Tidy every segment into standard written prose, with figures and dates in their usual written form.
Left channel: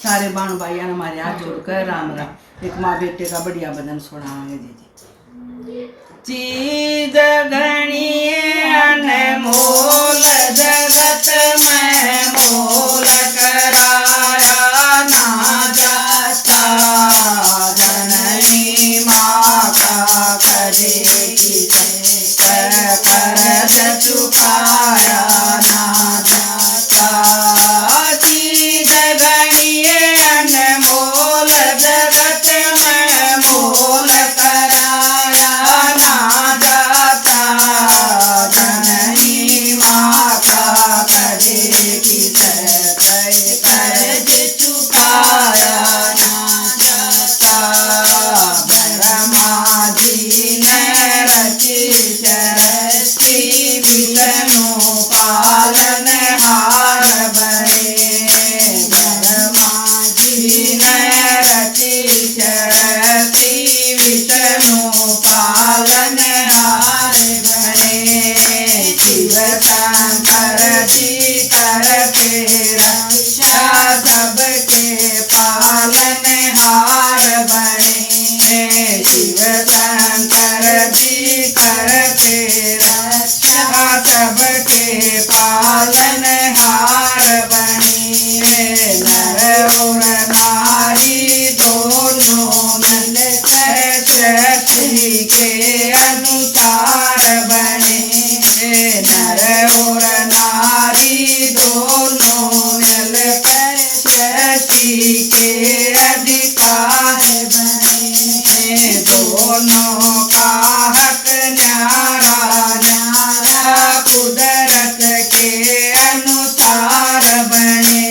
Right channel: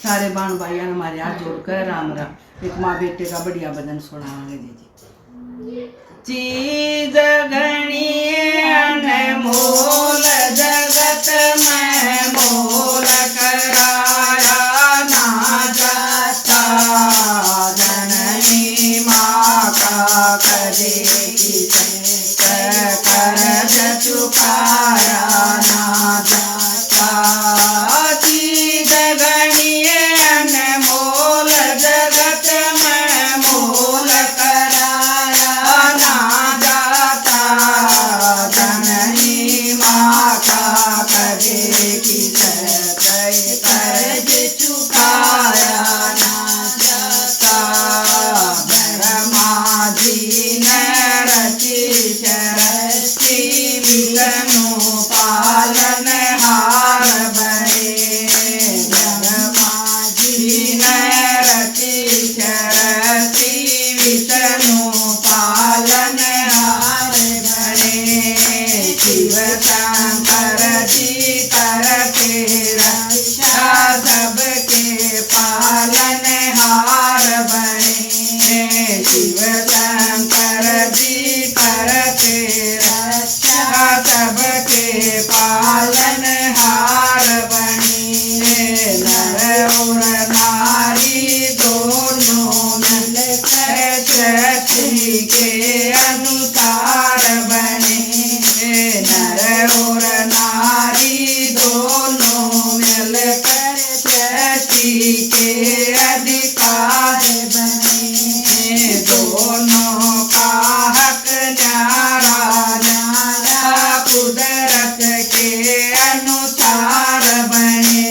सारे बाण भाइयों ने हमारे हाथ जोड़कर राम राम। एक माँ बेटे का बढ़िया भजन सुनाएंगे जी। चीज घनी अनमोल जगत में मोल कराया ना जाता, जननी माँ का करे कर्ज चुकाया ना जाता। चीज घनी अनमोल जगत में मोल कराया ना जाता, जननी माँ का करे कर्ज चुकाया ना जाता। ब्रह्मा जी ने रची सृष्टि विष्णु पालन हार बने, ब्रह्मा जी ने रची सृष्टि विष्णु पालन हार बने। शिव शंकर जी करते रक्षा सबके पालन हार बने, शिव शंकर जी करते रक्षा सबके पालन हार बने। नर और नारी दोनों मिलकर सृष्टि के अनुसार बने, नर और नारी दोनों मिलकर सृष्टि के अधिकार बने। दोनों का हक न्यारा न्यारा कुदरत के अनुसार बने,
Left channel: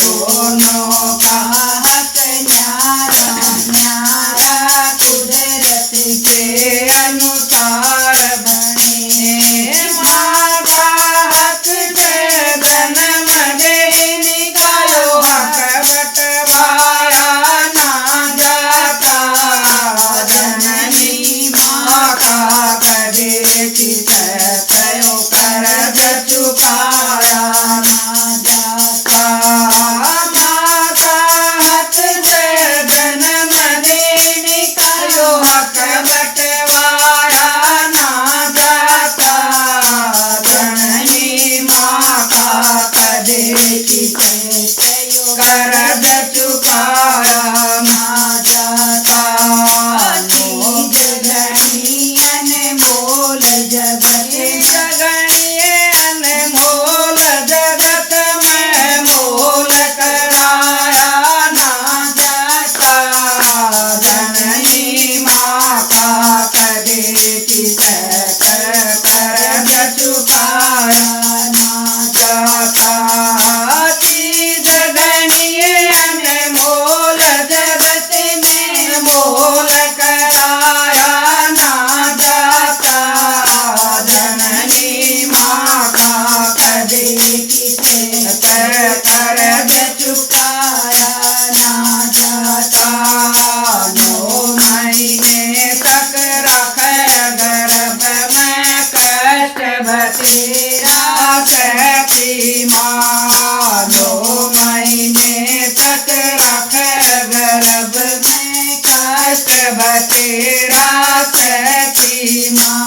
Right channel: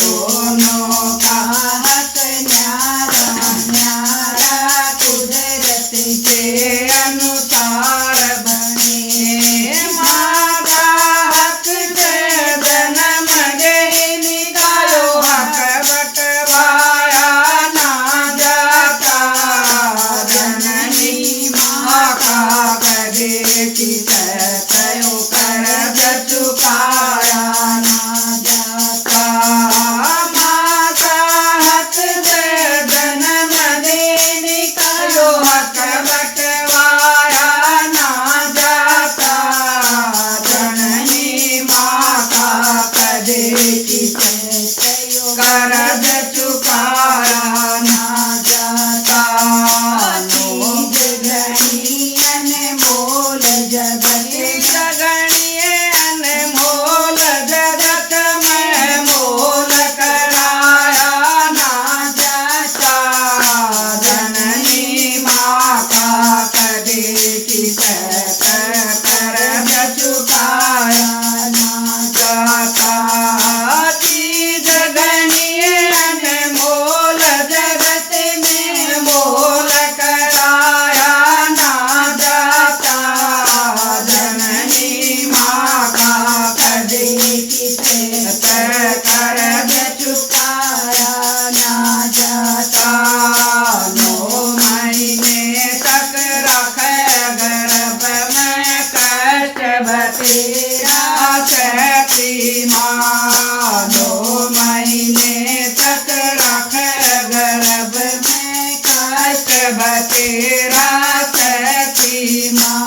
दोनों का हक न्यारा न्यारा कुदरत के अनुसार बने। माँ का हक जन्म देनी का यो हक बटवाया ना जाता, जननी माँ का करे किसयो कर्ज चुकाया ना जाता। माँ का हक जन्म देनी का यो हक बटवाया ना जाता, जननी माँ का करे किसयो कर्ज चुकाया ना जाता। चीज घनी अनमोल जगत अनमोल जगत में मोल कराया ना जाता, जननी माँ का करे कर्ज चुकाया ना जाता। चीज घनी अनमोल जगत में मोल कराया ना जाता, जननी माँ का करे कर्ज चुकाया ना जाता। 9 महीने तक रखे गर्भ में कष्ट बतेरा सहती माँ, 9 महीने तक रखे गर्भ में कष्ट बतेरा सहती माँ।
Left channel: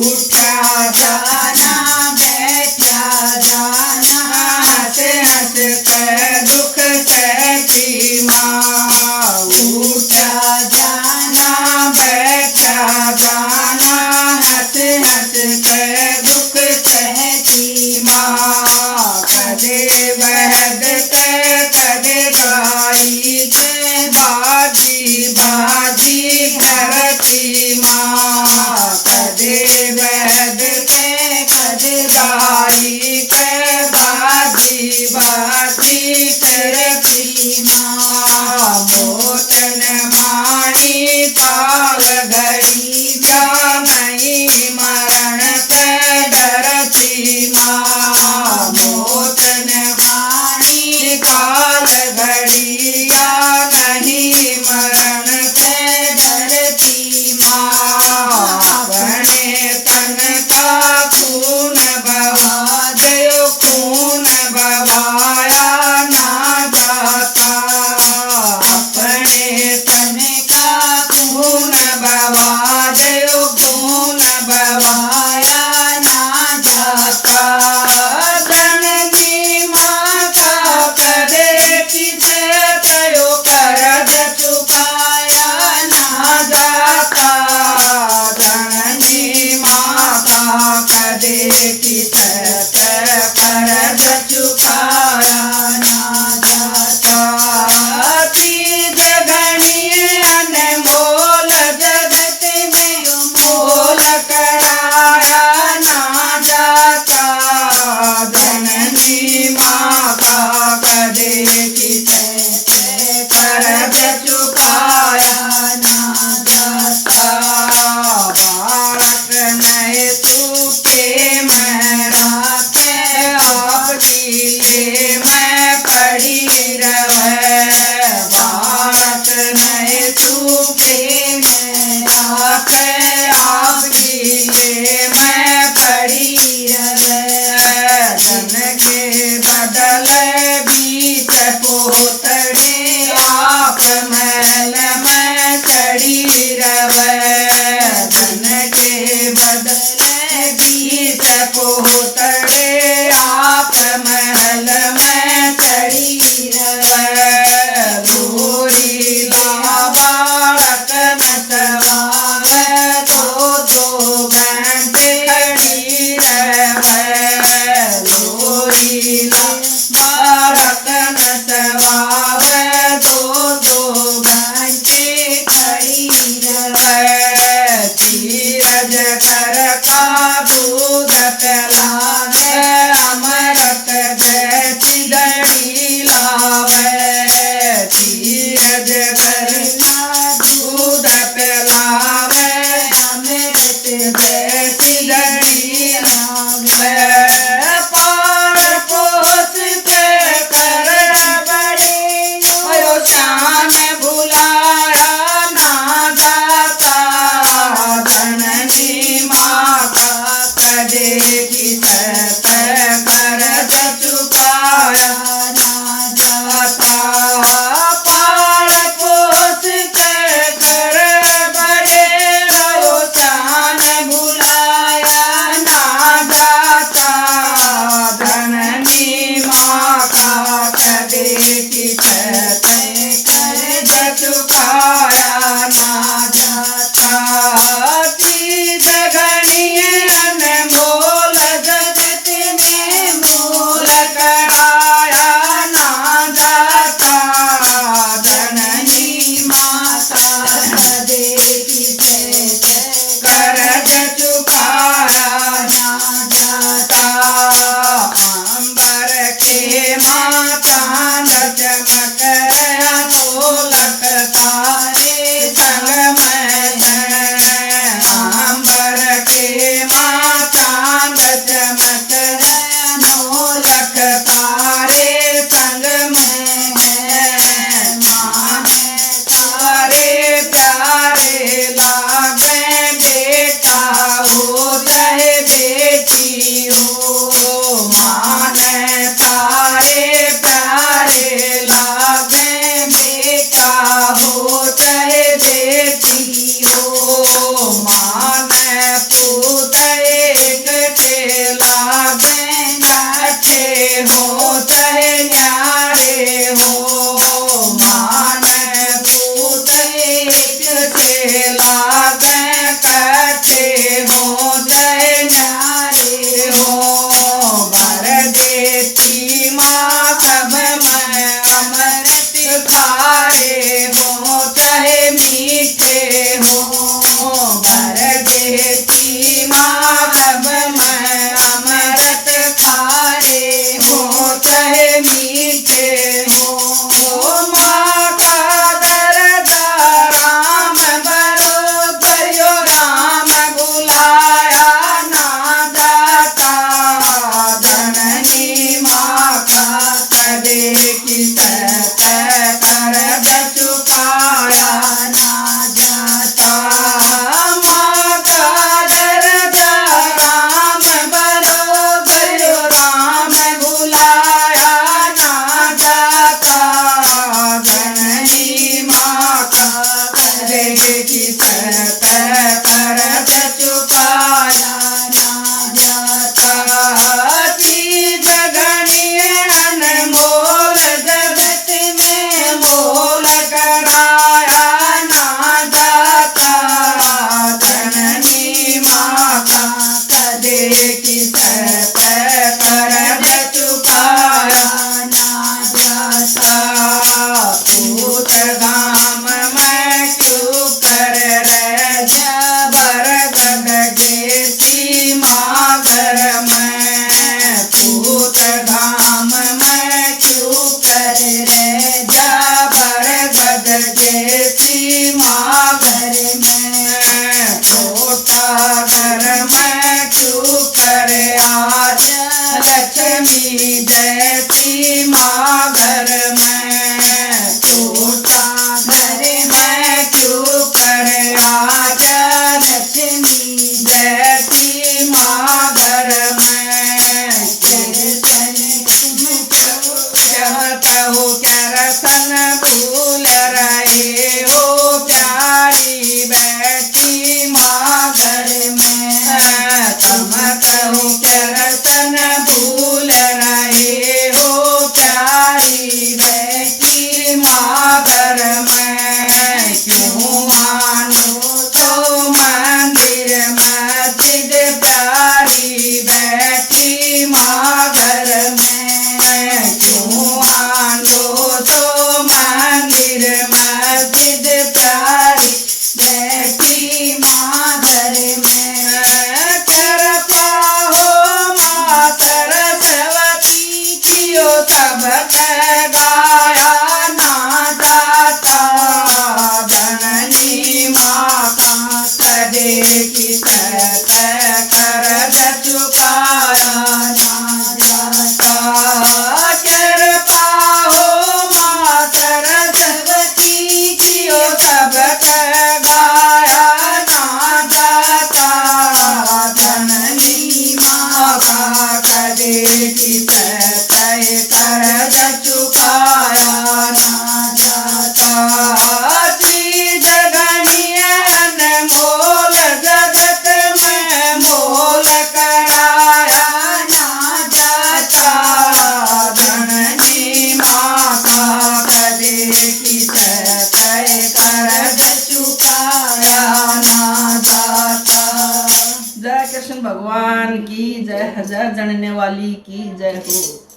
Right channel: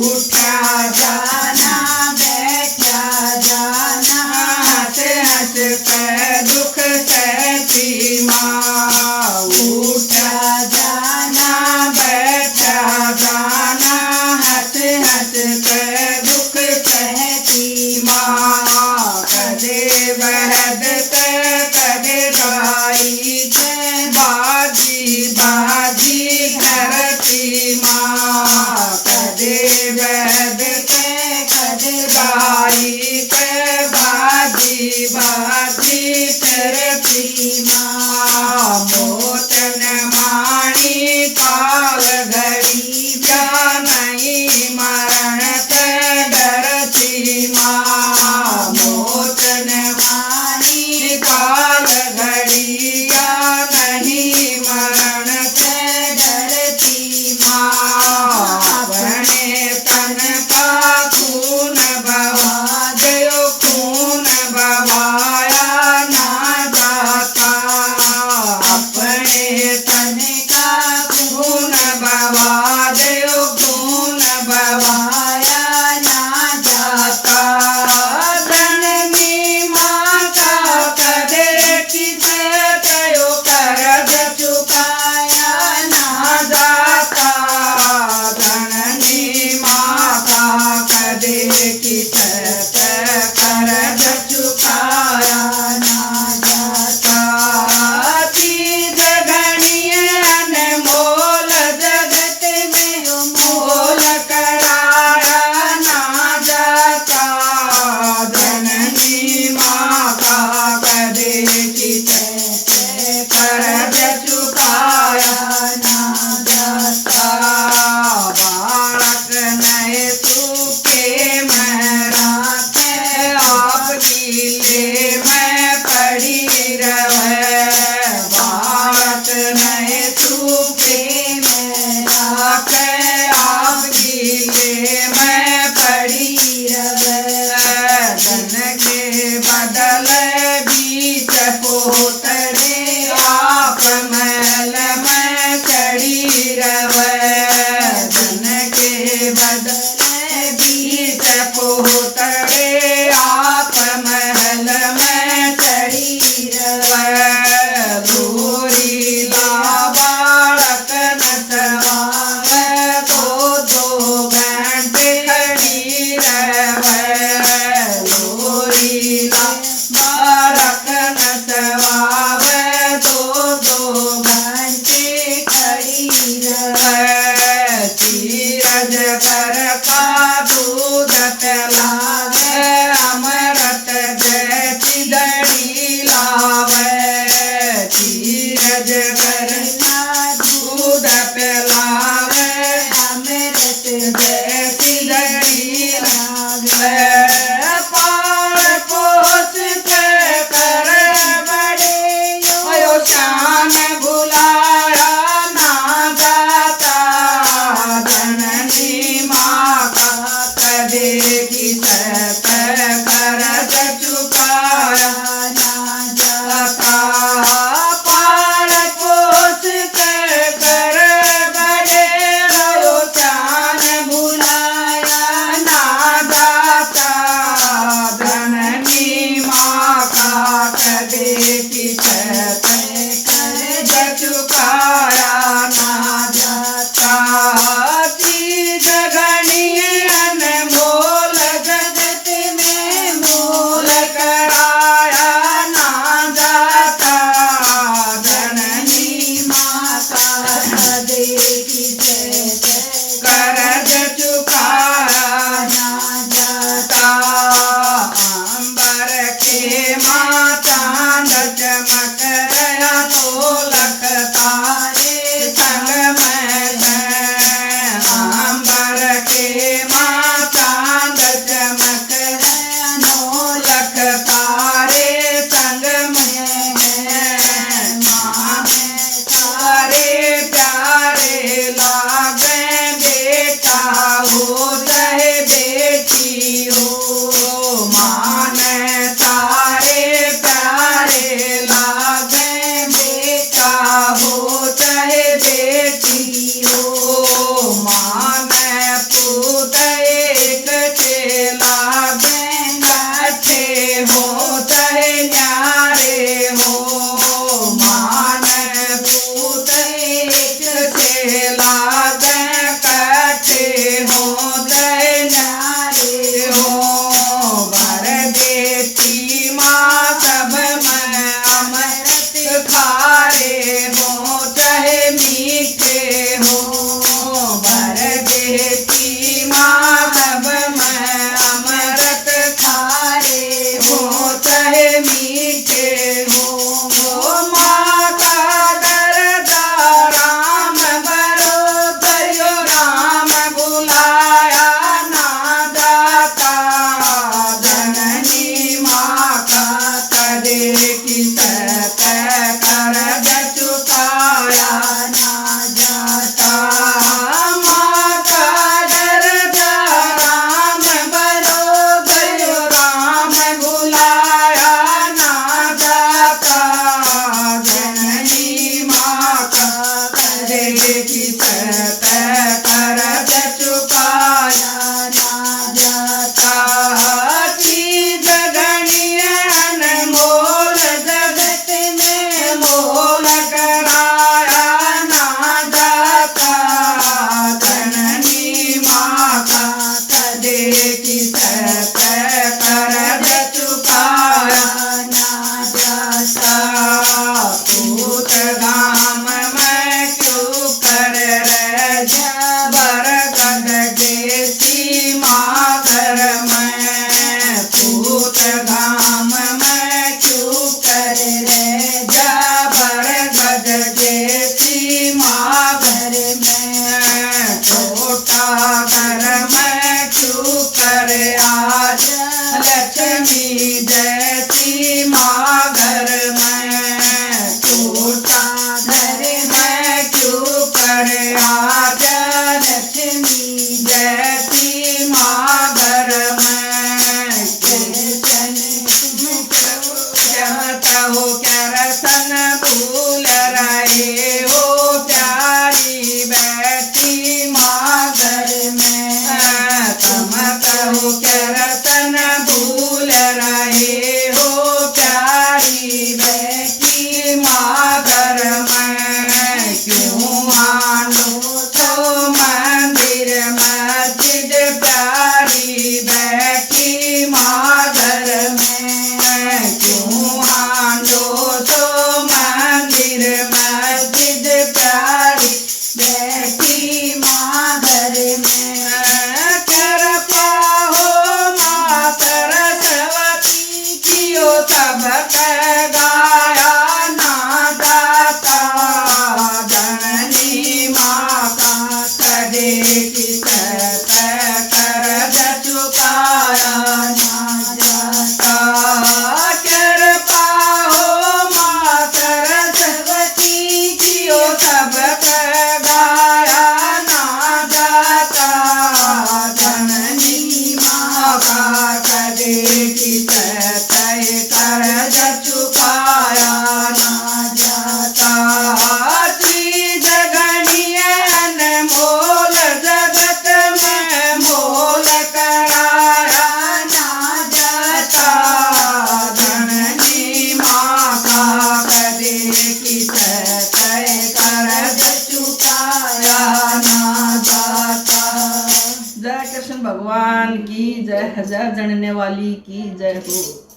उठा जाना बैठा जाना हंस हंस कर दुख सहती माँ, उठा जाना बैठा जाना हंस हंस कर दुख सहती माँ। कदे बहद कदे गाई बाजी बाजी धरती माँ, कदे बहद कदे गाई बाजी बाजी धरती माँ। मोतन माणी काल घड़ी क्या नहीं मरण से डरती माँ, मोतन माणी काल घड़ी या नहीं मरण से डरती माँ। अपने तन का खून बहा दो, खून बहाया ना देखी तैसे कर्ज चुकाया ना जाता। बालक नए सूखे में राखे आप गीले में पड़ी रहे। बालक नए सूखे में राखे आप गीले में पड़ी रहे। धन के बदले बीच पोतड़ी आप महल में चढ़ी रहे। धन के बदले बीच पोतड़े आप महल में चढ़ी रहे। दूरी ला बालक नचवावे दो दो घंटे खड़ी रहे। दूरी ला बालक नचवावे दो दो घंटे खड़ी रहे। चीरज कर का दूध पिलावे अमृत जैसी दड़ी लावे। चीरज कर का दूध पिलावे अमृत जैसी दड़ी लावे। पाल पोस के कर बड़े यो शान भुलाया ना जाता। जननी माँ का कदे की सत कर्ज चुकाया ना जाता। पाल पोस के कर बड़े यो शान भुलाया ना जाता। जननी माँ का कदे की सत कर्ज चुकाया ना जाता। चीज गणिये अनमोल जगत में मोल कराया ना जाता। जननी माता कदे की सत कर्ज चुकाया ना जाता। अंबर के माता चमक रहा ढोलक तारे संग में। अंबर के माता चमक रहा ढोलक तारे संग में। माने सारे प्यारे लागे बेटा हो चाहे बेटी हो। माने सारे प्यारे लागे बेटा हो चाहे बेटी हो। माने पूत एक टे लागे काठे हो चाहे न्यारे हो। माने पूत एक टे लागे काठे हो चाहे न्यारे हो। भर देती माँ सब में अमृत खारे हो चाहे मीठे हो। भर देती माँ सब में अमृत खारे हो चाहे मीठे हो। माँ का दर्दा राम बरोबर यो राम बुलाया ना जाता। जननी माँ का कदे की सत कर्ज चुकाया ना जाता। माँ का दर्दा राम बरोबर यो राम बुलाया ना जाता। जननी माँ का कदे की सत कर्ज चुकाया ना जाता। चीज गणिये अनमोल जगत में मोल कराया ना जाता। जननी माँ का कदे की सत कर्ज चुकाया ना जाता। पूत गाम में क्यों कर रह जबर गद के सीमा घर में। पूत गाम में क्यों कर रे जबर गज जैसी माँ घर में छोटा घर में क्यों करे आज लक्ष्मी जैसी माँ घर में छोटा घर में क्यों करे आज लक्ष्मी जैसी माँ घर में जमता हो क्या रसन भूल रहे हो प्यारी बैठी माँ घर में जमता हो क्या रसन भूल रहे हो प्यारी बैठी माँ घर में क्यों मानो तो मंदिर मस्जिद प्यारी बैठी माँ घर में क्यों हांडो तो मंदिर मस्जिद प्यारी बैठी माँ घर में कर पाहो माँ सरस्वती जियो सब गाया ना दाता जननी माँ का सदे की सत कर चुकाया ना जाता कर पाहो माँ सरस्वती जियो सब गाया ना जाता जननी माँ का कदे की सत कर चुकाया ना जाता चीज गणिय अनमोल जगत में मोल कराया ना जाता जननी माँ का कदे की सत कर चुकाया ना जाता। जय कृष्ण भगवान की जय, जय जनने वाली की जय हो।